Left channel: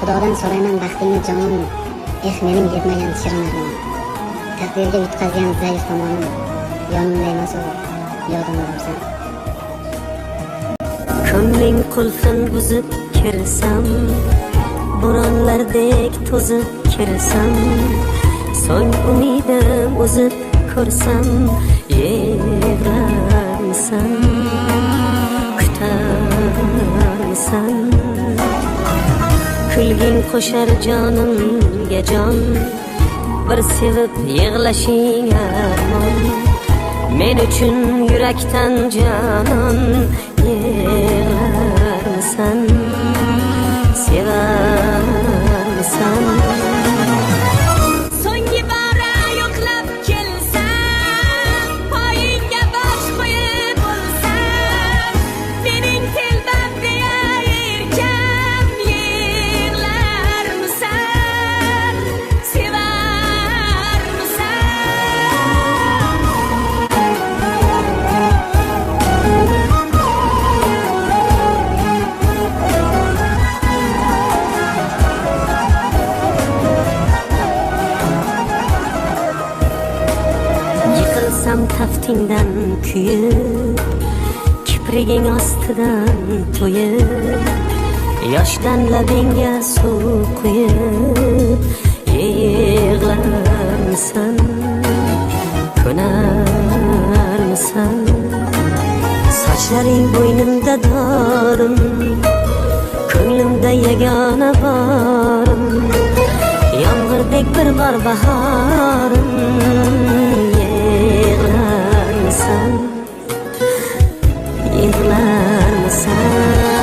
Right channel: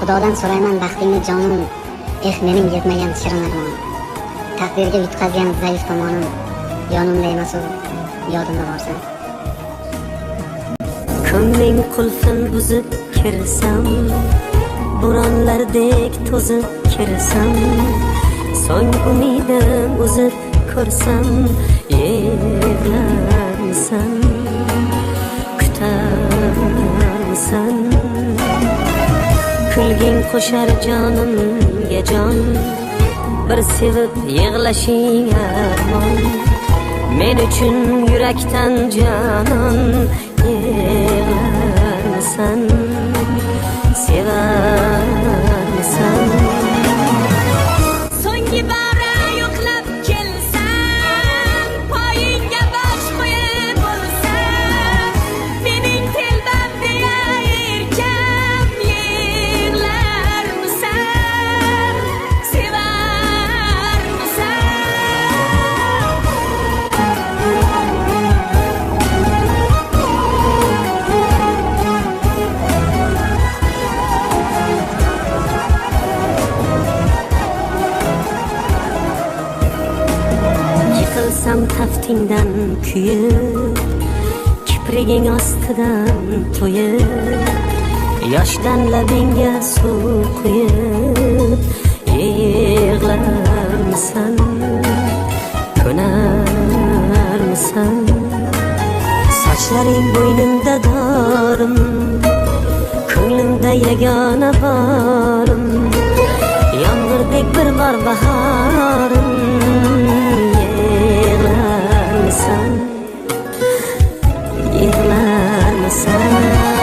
Xudodan so'rayman baxtingni jonim, mening yetmagan shirin armonim. Taqdirga yutqazgan zaif tomonim, yonimda emas u, yodimda borsan. Ko'ngling qulfin buzib kirsam, bo'ronlardek to'zib kirsam, so'ng umidim uzib ko'rsam, yig'larmisan, kutarmisan? Kulging qo'shar jonimga jon, bir sevib yig'lashing armon, men uchun yurakdan jonon. Yig'larmisan, sevarmisan? So'nggi bara yo'qlab kelsam, poyingga bosh qo'yib bo'lsam, mening telbam deyar erkam, yig'larmisan, sevarmisan? Yiqilsam kaftingdan kuyib, kipriging ostidan to'yib, yoshdan labingga suv quyib, yig'larmisan, ko'narmisan? Sochlaring bo'ynimda dorim, ko'nglimda yagona borim, yomg'irdek bir bor bahorim. Yig'larmisan, yig'larmisan?